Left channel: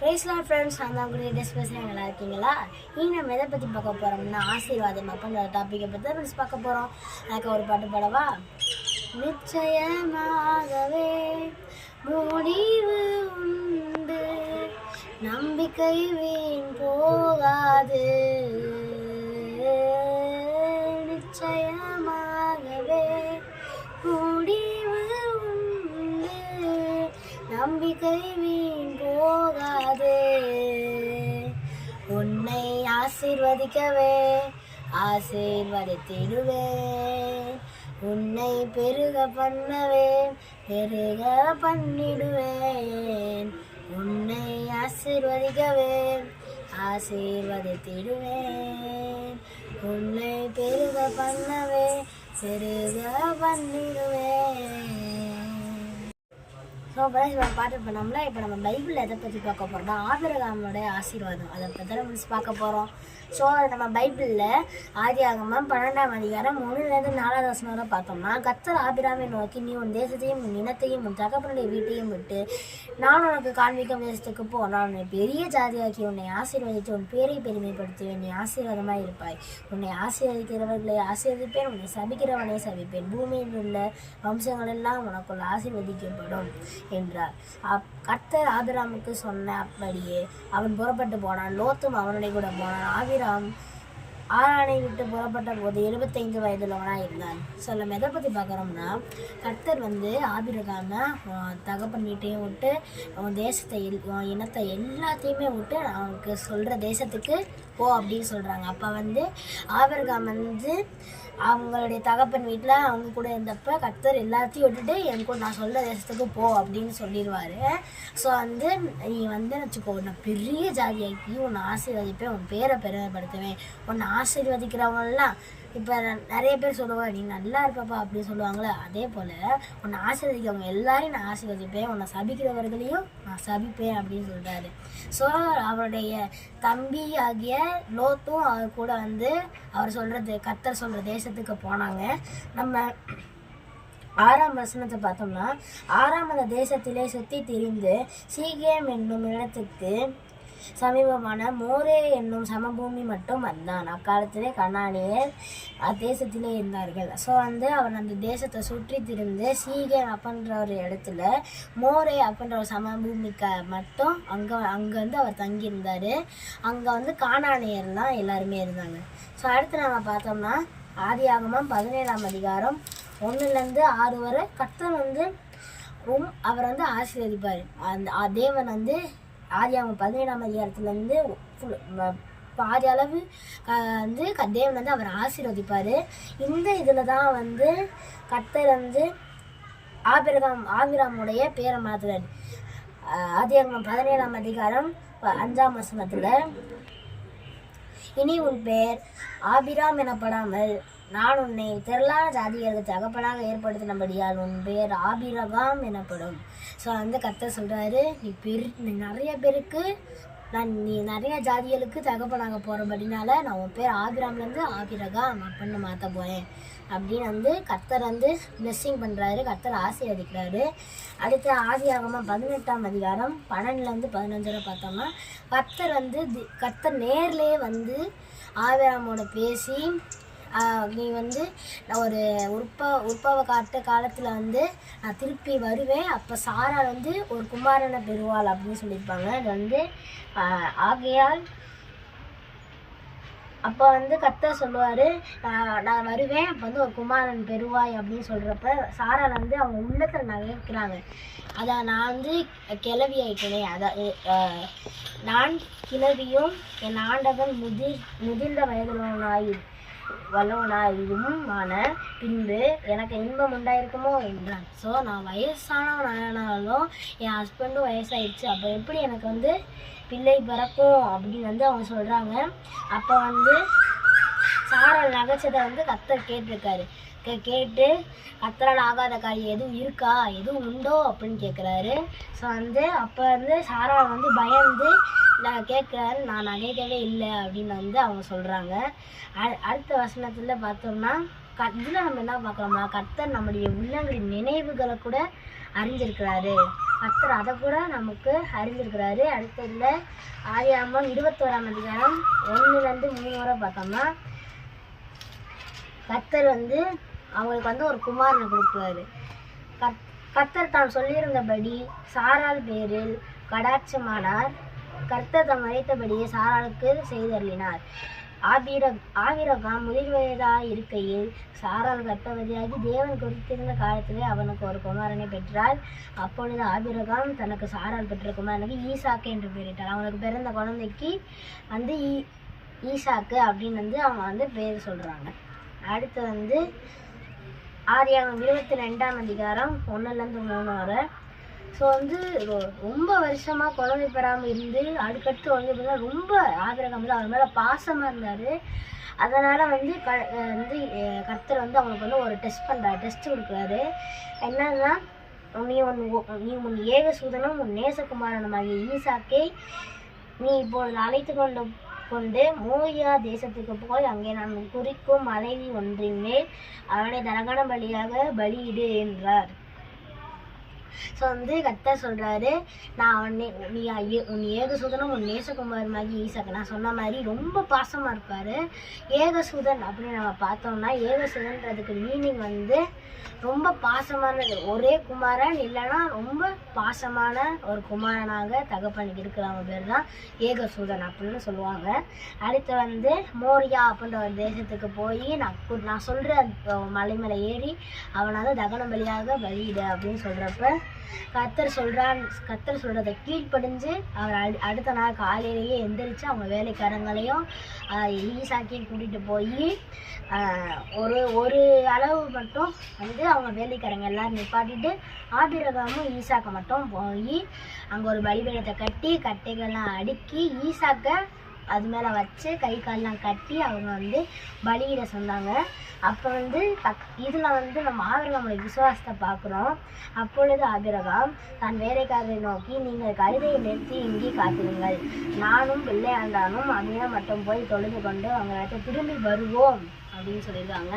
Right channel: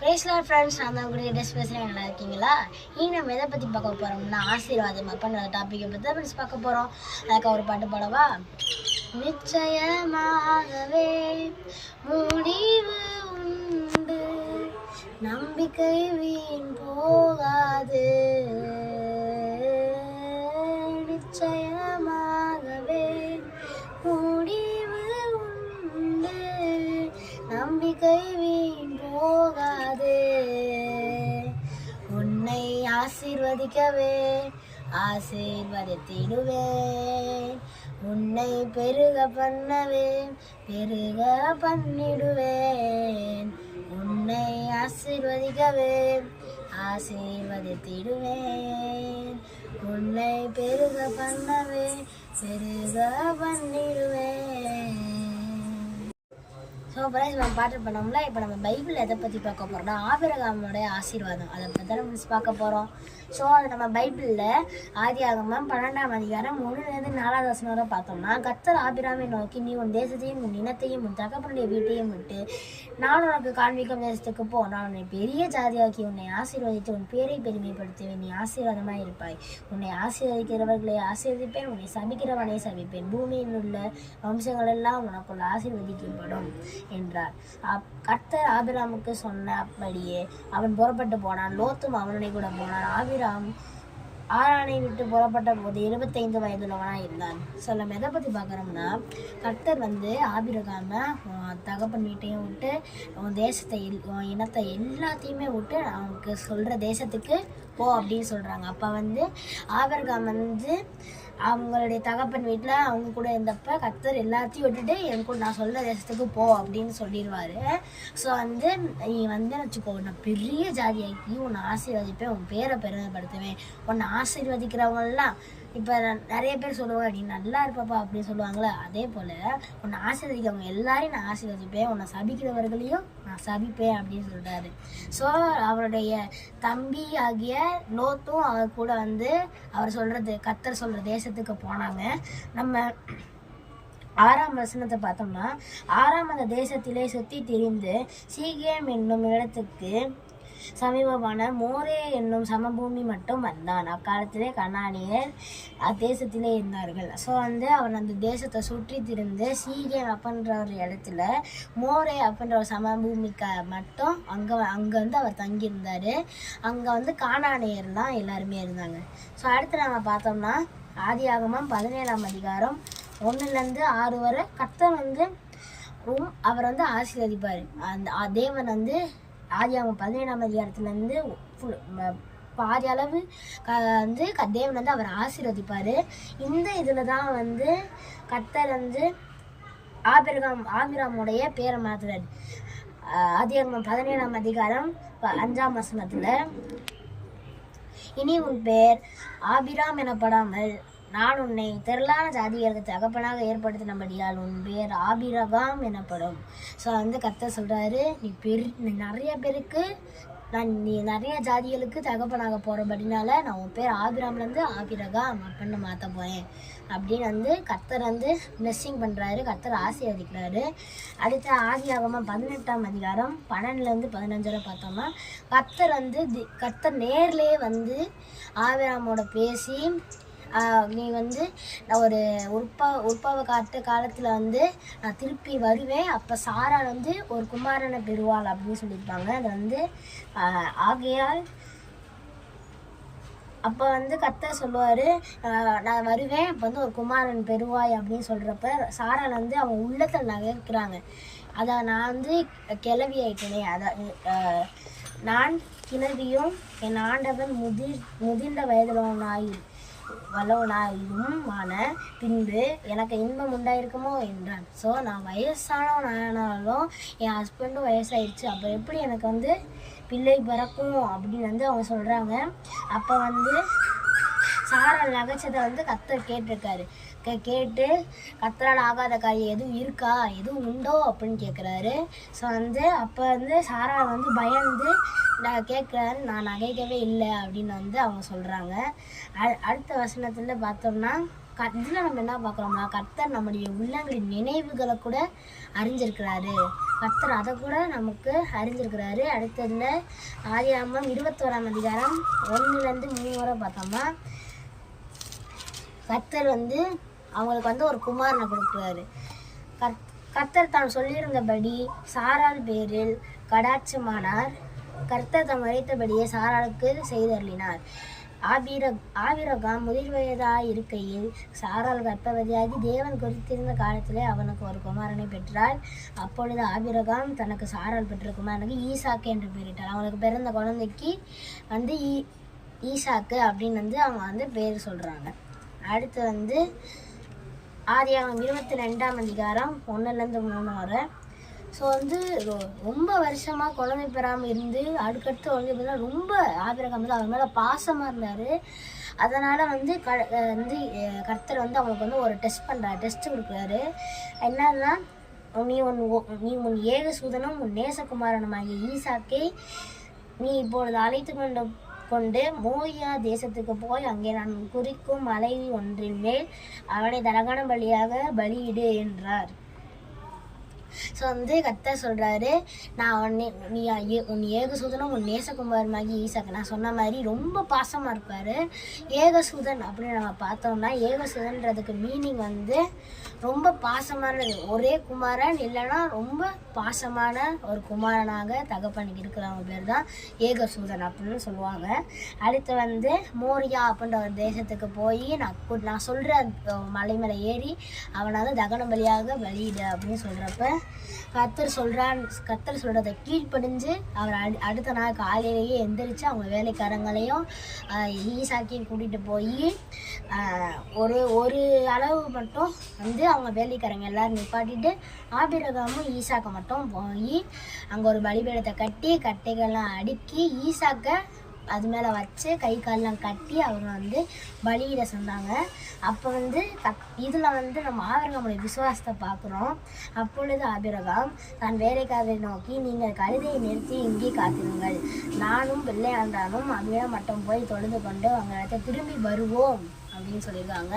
பேசலாம் ஃப்ரெண்ட்ஸ் நான் தான் கூட டெஸ்ட் பேசுகிறேன் நல்லா இருக்கீங்களா? இனி நம்ம எதை பற்றி பார்க்க போகிறோம்னா ஆசீர்வாதம் அப்படின்ற டாப்பிக்கை பற்றி தான் ஃப்ரெண்ட்ஸ் பார்க்க போகிறோம் அதுக்கு ஒரு பாட்டு பாடவா? நிச்சயமாகவே முடிவு உண்டு. நம்பிக்கை வீண் போகாது. நிச்சயம் ஆசீர்வதிக்கவே ஆசீர்வதித்திடுவேன். உன்னை பெருக பண்ணவே பெருக பண்ணிடுவேன். உன்னை ஆசீர்வதிக்கவே ஆசீர்வதித்திடுவேன். உன்னை பெருக பண்ணவே பெருக பண்ணிடுவேன். ஸோ பிரைஸ் நம்ம பாட்டு பண்ணோம்ல இப்போ நம்ம பைபிளில் எதை பற்றி பார்க்க போகிறோம்னா ஆபிரகாமனுடைய ஆசீர்வாதம். அதை பற்றி தான் நம்ம பார்க்க போகிறோம் ஸோ அது நம்ம பைபிளில் ஆதி ஆகமம் பன்னெண்டாம் அதிகாரம் மூணுலேருந்து நாலாவது வசனம் வரை பார்த்தோம்னா கத்தர் ஆபிராமை நோக்கி நீ உன் தேசத்தையும் உன் இனத்தையும் உன் தகப்பனுடைய வீட்டையும் விட்டு நான் உனக்கு காண்பிக்கும் தேசத்துக்கு போ. நான் உன்னை பெரிய ஜாதியாக்கி உன்னை ஆசீர்வதித்து உன் பேரை பெருமைப்படுத்துவேன். நீ ஆசீர்வாதமாக இருப்பாய். உன்னை ஆசீர்வதிக்கிறவர்களை ஆசீர்வதிப்பேன். உன்னை சபிக்கிறவனை சபிப்பேன். பூமியில் உள்ள வம்சங்கள் எல்லாம் உனக்குள் ஆசீர்வதிக்கப்படும். என்றார். அப் கர்த்தர் ஆபிராமுக்கு சொன்ன அப்படியே அவன் புறப்பட்டு போனான். லோத்தும் அவனுடைய கூட போனான். ஆபிராம் ஆரானை விட்டு புறப்பட்ட போது இருபத்தைந்து வயதுள்ளவனாக இருந்தான். ஸோ நம்ம எதை பற்றி பார்க்குறோம்னா கர்த்தர் வந்து ஆபிரகாம தகப்பன் வீட்டையும் விட்டு அவன் தேசத்தை உன் இனத்தை எல்லாத்தையுமே விட்டு அவனுக்கு சொல்கிற தேசத்துக்கு போ அப்படின்னு சொல்கிறாங்க அப்போ வந்து ஆபிரகாம் வந்து அவங்களுடைய தகப்பன் வீட்டில் அவங்க கூட இருந்தப்ப கர்த்தர் எல்லாத்தையும் விட்டுட்டு என் கூட நான் சொல்கிற தேசத்துக்கு போ அப்படின்னு சொல்லிடுவாரு ஸோ வந்து நீ வந்து வச்சுக்கோ உன்னை பெரிய ஜாதியாக்கி உன்னை ஆசீர்வதிப்பேன் உன் பேரை பெருமைப்படுத்துவேன். உன்னை ஆசீர்வதிக்கிறவங்கலாம் இப்போ நிறைய பேர் சொல்லுவாங்க நீ நல்லா இருப்பப்பா அப்படின்னு சொல்லுவாங்களே அதே போல் உன்னை ஆசிரியவங்க எல்லாரையும் நான் ஆசீர்வதிப்பேன் உன்னை சபிக்கிறவர்களையும் நான் சபிப்பேன் அப்படின்னு சொல்கிறாரு ஸோ அவருடைய தம்பி ஆகிய லோத்தும் அவர் கூட வந்து அவர் சொல்கிறது கத்தர் சொல்கிற தேசத்துக்கு போனாங்க. நம்ம ஆறாம் வசனத்தை பார்த்தோம்னா ஆறாம் அந்த தேசத்திலே சுற்றி திரிந்து சீகேம் என்னும் இடத்துக்கு சமீபமான மோரே என்னும் சமபூமி மட்டும் வந்தான். அக்காலத்திலே கண்ணானியர் அத்தேசத்திலே இருந்தார்கள். ஸோ வந்து அவன் அந்த தேசத்தை சுற்றி திரிந்து சீகன் அப்படின்ற ஒரு இடத்துல மோரே அப்படின்ற ஒரு சமபூமிக்க மட்டும் அங்கே அங்கே வந்து அவர் தங்கியிருந்தார். அங்கே வந்து கானானியர்லாம் எல்லாருமே இருந்தாங்க. ஸோ அடுத்து நம்ம பார்த்தோம்னா ஆதியாகமம் பதினேழாம் அதிகாரம் ஒன்றுலேருந்து ஆறு வரை கர்த்தன் வந்து ரொம் அவர் வந்து ஆசீர்வதிப்பார். அந்த தேவன் வந்து ஆதியாகமம் பதினேழாம் அதிகாரத்துலேருந்து ஃபுல் பாதி அளவு க வந்து க தேவன் வந்து அவர் ஆசீர்வதிப்பார். இந்த இதில் தான் வந்து கர்த்தர் வந்து ஆபிரகாம் ஆபிராமுடைய பேரை மாற்றுறாரு ஆதியாகமம் பதினேழாம் அதிகாரம் ப- அஞ்சாம் வசனத்தில் இனி உன் பெயர் ஆபிராம் எனப்படாமல் நான் உன்னை திரளான ஜாதிகளுக்கு தகப்பனாக ஏற்படுத்தினபடியால் உன் பேர் ஆபிரகாம் எனப்படும். ஸோ வந்து கர்த்தர் சொல்கிறாரு நீ பெரு நீ நிறைய பேருக்கு நான் நீ நிறைய ஜாதிகளுக்கு தகப்பனாக போகிறபடினால நான் உன் பேர் ஆபிராம்லேருந்து ஆபிரகாம் அப்படின்னு மாற்ற போகிறேன் அப்படின்னு வந்து கர்த்தர் வந்து பிளெஸ்ஸிங் பண்ணுறாரு கர்த்தர் ஆசீர்வதிக்கிறாரு. அடுத்த ஆதியாகமம் பதினெட்டாம் அதிகாரம் பன்னெண்டுலேருந்து பதினஞ்சில் பார்த்தோம்னா கர்த்தர் வந்து தி- கர்த்தர் நேர்லேயே வந்து ஆபிராமோட பேசி நீ வந்து நான் ஒரு உற்ப உற்பவ காட்டு காலத்தில் வந்து நான் திருப்பி வருவேன். அப்போ சாரா வந்து ஒரு குமாரனை பெறுவாள் அப்படின்னு சொல்லியிருப்பாங்க. அது வந்து ஆகையால் அப்போ வந்து கர்த்தர் சொல்லுவார் நான் வருவேன் அப்போ வந்து ஒரு குமாரன் பெறுவாய் அப்படின்னு சொல்கிறப்ப சாரால் வந்து அவங்க உள்ளத்தில் நகைக்கிறாங்க. அதை நான் வந்து கிளவி ஆயிட்டேனே அதான் நான் கிளவியும் என் ஆண்டவன் முதிர் முதிர்ந்த வயதுள்ளவனாயிரு வல்லவனாயும் ஆன பின்பு எனக்கு இன்பம் உண்டாயிருக்குமோ என்றான். ஸோ நான் வயசானவனானாலும் என் ஹஸ்பண்டும் வயசாயிடுச்சு அப்போ எப்படி எனக்கு வந்து பிள்ளை பிறக்கும் அப்படின்னு வந்து அவங்க சொல்கிறாங்க அப்போ வந்து சாரல் நகைச்சதை வந்து கத்தர் கேட்டிருக்காரு. கேட்டு கத்தரால் ஆகாத காரியம் எதுவும் இருக்கா? எதுவும் உண்டோ? அப்படின்னு கேட்குறாரு ஸோ வந்து அப்போ வந்து சாரா வந்து பயந்து நான் கேட்குறாரு நான் நகைக்கவே இல்லை அப்படின்னு வந்து அவங்க சொல்கிறாங்க அடுத்த வசனத்தில் பார்த்தோம்னா க இதில் நம்ம என்ன பார்க்குறோம்னா கர்த்தர் நம்முடைய உள்ளங்களின் நினைவுகளை கூட அறிஞ்சிருக்கிறாரு. கர்த்தர் அதை கூட நமக்கு அறிஞ்சிருக்கிறாரு. அடுத்ததுல ஆதியாமம் இருபத்தோராம் அதிகாரம் ஒன்றுலேருந்து மூணு வரை பார்த்தோம்னா கர்த்தர் வந்து அவங்களுக்கு வந்து ஒரு குமாரனை கொடுக்குறாரு. கத் கர்த்தர் தான் சொல்லியிருந்தபடி சாரால் பேரில் கடாட்சமானார். கர்த்தர் தாம் மறைத்தபடியே சாராளுக்கு செய்தருளினார். ஆபிர ஆபிரகாம் முதிர் வயதாக இருக்கையில் சாரால் கர்ப்பவதியாகி தேவன் குறித்திருந்த காலத்திலே அவனுக்கு ஒரு குமாரனை பெற்றாள். அப்பொழுது ஆபிரகாம் தனக்கு சாரால் பெற்ற குமாரனுக்கு ஈசாக்கு என்று பெயரிட்டார். அவனுக்கு பிறந்த குழந்தைக்கு வந்து ஈ ஈசாக்கு அப்படின்னு வந்து அவங்க வந்து பேர் சொல்கிறாங்க அடுத்து வந்து ஆதியாகம் இருபத்தி ரெண்டாம் அதிகாரம் ஒன்றுலேருந்து மூணு வரை ஸோ வந்து ரொம்ப வருஷமாக குழந்தை பெறாமல் இருந்து அடுக்கடுத்து குழந்தை பெறா ரொம்ப ஆபிரகாம் வந்து அவர் மேலே பாசமாக இருந்தார். அதனால் வந்து க வந்து கர்த்தர் வந்து அவங்களுக்கு வந்து ஒரு டெஸ்ட் பண்ணுறாரு டெஸ்ட் கொடுக்குறாரு. என்னன்னா நீ உன் நீ உன் ஏக சூதனும் உன் நேசகுமாரனுமாகிய ஈசாக்கை நீ இப்பொழுது அழைத்து கொண்ட கொண்டு மோகியா தேசத்துக்கு போய் அங்கே நான் குறிக்கும் மலைவி ஒன்றின் மேல் அவனை தரகண பலியாக பலியிடு என்றார். ஸோ வந்து கத்தர் சொல்கிறாரு நான் உன்னை நீ ஏ- உன் ஏகசூதனும் உன் நேசகுமாரமாகி ஈசாக்கு. நான் சொன்ன மாதிரி ரொம்ப பாசமாக இருப்பார். ஏகசூதன் அப்படின்னு நம்ம பார்த்தோம்னா ஏகசூதன்றதுக்கு மீனிங் வந்து ரொம்ப பாசமானது. ஒரே குமாரன் இல்லைன்னா ரொம்ப பாசமான ஒரு குமாரனாக தகப்பனுக்கு இருக்கிறவங்க பேர் தான் ஏகசூதன் அப்படின்னு சொல்லுவாங்க. அடுத்து வந்து மோரியா அப்படின்ற ஒரு தேசத்துக்கு போய் நான் நான் சொல்கிற மலை மேலே ஏறி அவனை வந்து தகன பலியாக பலியிடு அப்படின்னு சொல்கிறப்ப கத்தர் சொல்கிறான் கத்தர் சொல்கிறத கீழ்ப்படிஞ்சு அவர் அடு அடுத்த நாள் காலையிலேயே எந்திரிச்சு அவங்க வேலைக்காரங்களையும் ஈசாக்கியும் கூட்டிகிட்டு போய் ஒரு ஒரு அளவு மட்டும் வந்து அவங்க வேலைக்காரங்க எல்லாரும் நிப்பாட்டிட்டு ஆபிரகாமும் ஈசாக்கை மட்டும் போய் அங்கே ஒரு பலிபீடத்தை கட்டி கட்டைகள்லாம் அடுக்கி ஈசாக்கை அது மேலே வச்சு கை காலெலாம் கட்டி அவங்க வந்து பலியிட சொன்னாங்க. அப்போ வந்து கத் இதில் வந்து நம்ம ஆபிரகாமுடைய விசுவாசத்தை பார்க்குறோம் அப்பொழுது ஆபிரகாம் தான் வேலைக்காரரை நோக்கி நீங்கள் கழுதையை நிறுத்தி இங்கே காத்திருங்கள். நானும் பிள்ளையாண்டானும் அப்படியே மட்டும் போய் தொழுது கொண்டு அவங்க இடத்த திரும்பி வருவோம். அப்படின்னு சொல்லியிருக்காங்க.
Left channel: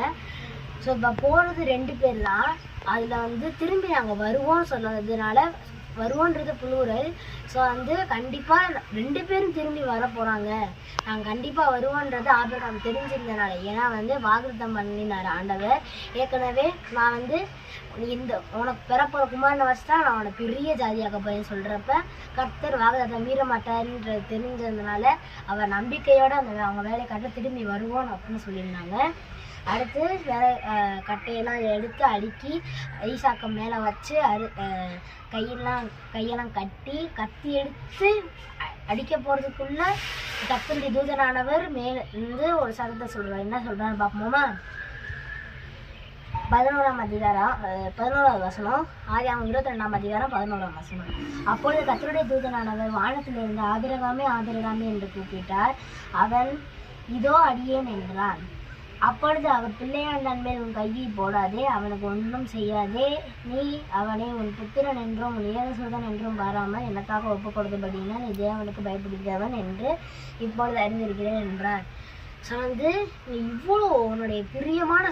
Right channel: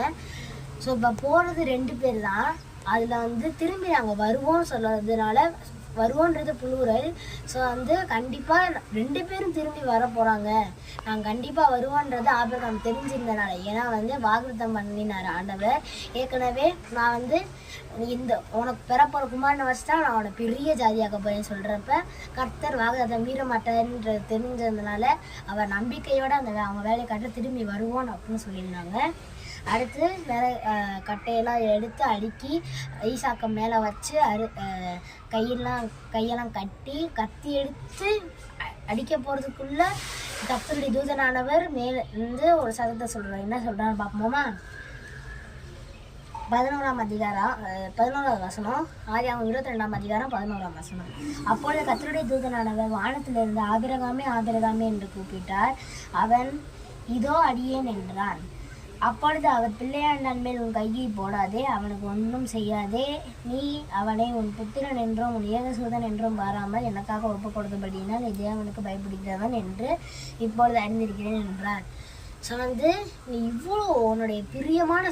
ஸோ இப்போ போகிறது ரெண்டு பேர் தான். அதில் வந்து திரும்பி நாங்கள் வருவோம்னு சொல்கிறதுனால வருவோன்றது புளூரல் ஸோ வந்து கண்டிப்பாக ரெண்டு பேரும் திரும்பி வர போகிறாங்க நாங்கள் கண்டிப்பாக வருவோன்றது ஆபிரகாம் தெரிஞ்சிருந்தனால. ஏன்னா வந்து வாக்குத்தம் பண்ணினார் ஆண்டவர். ஏற்கனவே நான் வந்து இந்த உனக்கு பிறப்புற குமாரனை தான் நான் உனக்கு பெரிய ஜாதியாக்க போகிறேன்னு சொல்கிறப்ப கர்த்தர் வாக்குத்தத்தை மீற மாட்டாருன்றது தெரிஞ்சதுனால அவர் நம்பிக்கையோடு அந்த வே- அவங்க வேலையை திரும்பி வருவோம் அப்படின்னு சொல்லியிருந்தாங்க. அடுத்து வேலை கட்டையெல்லாம் எடுத்து அடுக்கி ஈசாக்கம் மேலே வச்சு அரு கையெல்லாம் கையெல்லாம் கட்டி கத்தி எடுத்து அடிக்க போகிறதுக்குள்ளே கத்தருடைய தூதனானவர் மேலிருந்து ஒரு சதத்தை சொல்கிறார் என்ன சொல்கிறாரு பார்ப்போமா? பதினோராம் அதிகாரம் அஹ், பதினோராவது வசனம். ஆதியாகம் இருபத்தி ரெண்டாம் அதிகாரம் பதினோராம் வசனம். அப்பொழுது கத்தருடைய தூதனானவர் வானத்திலிருந்து ஆபிரகாமே ஆபிரகாமே என்று கூப்பிட்டார். அவன் இதோ அடியேன் என்றான். அப்பொழுது அவர் பிள்ளையாண்டான் மேல் உன் கையை போடாதே அவனுக்கு ஒன்றும் செய்யாதே. நீ அவனை உன் புத்திரன் என்றும் உன் ஏகசூதன் என்றும் பாராமல் எனக்காக ஒப்பு கொடுத்தபடினா இதே அவனுக்கு பயப்படுகிறவன் என்று இப்பொழுது அறிந்திருக்கிறேன் என்றார் ஸோ வந்து இவ்வளோ உன்னுடைய பிரியமான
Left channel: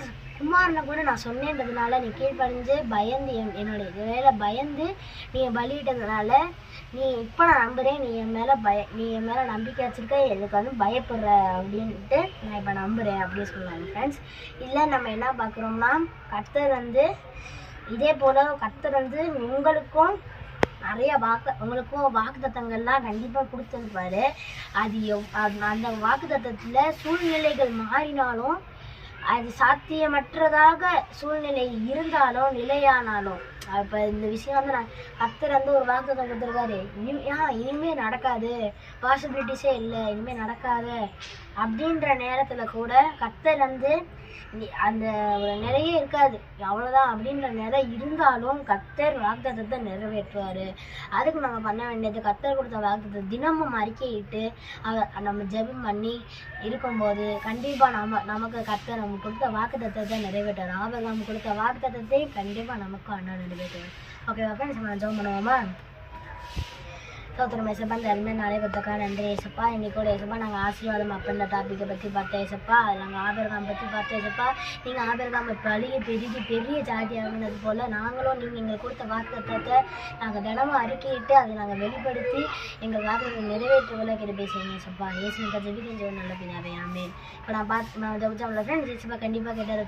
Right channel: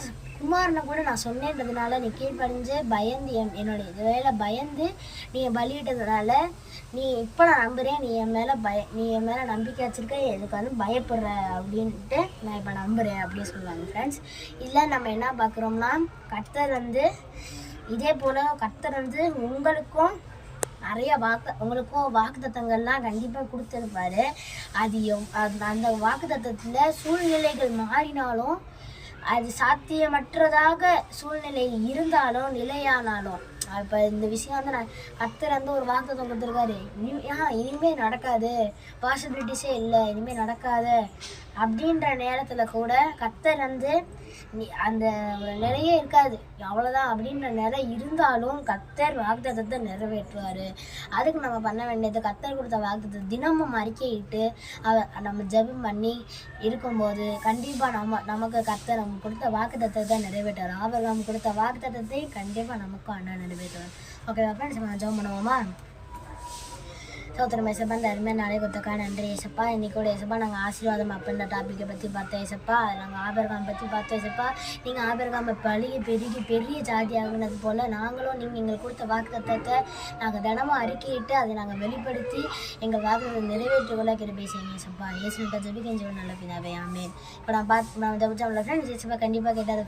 குமாரனை கூட நான் சொன்னேன்றதுனால நீ கீழ்ப்படிஞ்சு பயந்து என் என்னுடைய வேலை பயந்து நீ பலியிட்டதுனால நீ இப்போ நான் நம்புகிறேன் நீ என் மேலே பய நீ என் மேலே நம்பிக்கை வச்சிருக்க. எனக்கு வந்து பயப்படுற அப்படின்ட்டு நான் இப்போ நம்புகிறேன் அப்படின்னு சொன்னாங்க ஃப்ரெண்ட்ஸ் இதில் நம்ம என்ன பார்க்குறோம்னா கர்த்தர் வந்து இதே போல் கர்த்தர் வந்து உங்களுக்கும் நிறைய வாக்கு உங்களுக்கும் வாக்குத்தத்தங்கள்லாம் கண்டிப்பாக கொடுத்துருப்பாரு. அது எவ் அது அந்த வாக்குத்தத்தத்தில் சூழ்நிலைகள் மாறினாலும் அது சாத்தியமற்றதாக சூழ்நிலை இருந்தாலும் நிலையானாலும் இப்போ இந்த விஷயம் வந்து நான் கத்தர் வந்து ஒரு வாக்குத்தம் கொடுத்துருக்காரு. இனிமே ஆ இனிமேல் நடக்காது. பாசிபிலிட்டிஸே இல்லை. இனிமேல் நடக்காது. அப்படின்ற நேரத்தில் கூட கத்தர் வந்து அந்த ஒரு நிலையே இருக்காது. அவ்வளோதான் அப்படின்ற நிலை இருந்தாலும் கத்தர் வாக்குத்தத்தை நிறைவேற்றுவார். அதுக்கு நம்ம பண்ண வேண்டியது கத்தர் கொடுத்த வாக்குத்தத்தை தினமும் அறிக்கையிட்டு அவ நம்ம ஜெபம் பண்ணி இருக்கும்போது கண்டிப்பாக நம்ம நமக்கு கத்தர் நம்ம கொடுத்த வாக்குத்தத்தத்தை நிறைவேற்றுவார். நம்ம கொடுத்த வாக்குத்தத்தத்தை கண்டிப்பாக நமக்கும் அண்ணா நிறைவேற்றுவார். ஓகே ஃப்ரெண்ட்ஸ் நம்ம ஜெபம் பண்ணுவோமா? சோத்திரம் ஏசப்பா இந்த அருமையான நாளை நன்றி ஏசப்பா. இன்னைக்கு கூட ஏசப்பா நாங்கள் ஆசீர்வாதம் அப்படின்ற டாப்பிக்கை பற்றி பார்த்தேன் ஏசப்பா. நாங்கள் ஆபரகாம் பற்றி பார்த்தோம் ஏசப்பா. நீங்கள் ஆபரகாம பழிய பெருகி பெரிய ஜாதி ஆகுனது போல் நாங்களும் நீங்கள் எங்களுக்கு கொடுத்த வாக்குத்தத்தை நாங்கள் தினமும் அறிக்கையிட்டு அதை நாங்கள் வெளிப்படுத்தி எங்கள் வாக்குகளை நிறைவேற்றுக்குள்ள கிருபை செய்யுங்க ஏசப்பா. ஏசுக்கா ஜெபிக்கஞ்சு நல்ல பிதாவே ஆமே இப்போ நான் பார்த்து நான் இந்த உள்ள ஃப்ரெண்ட்ஸ் ஏசப்பா கண்டிப்பாக கேட்டார்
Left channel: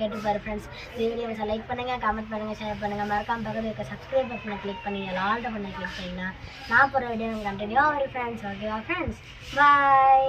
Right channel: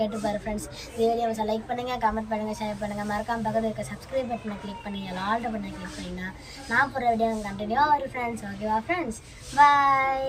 கேட்டுப்பார் ஃப்ரெண்ட்ஸ் இந்த வீடியோவை லைக் பண்ணுங்கள் கமெண்ட் பண்ணுங்கள் ஷேர் பண்ணுங்கள் மறக்காம பக்கத்தில் இருக்க சப்ஸ்கிரைப் பட்டனை கிளிக் பண்ணுங்க. ஆல்ட பண்ண கிளிக் பண்ணிங்கன்னா நான் போகிற வீடியோ கண்டினியூ ஆகும் ஃப்ரெண்ட்ஸ் ஓகேவா ஃப்ரெண்ட்ஸ் பாய்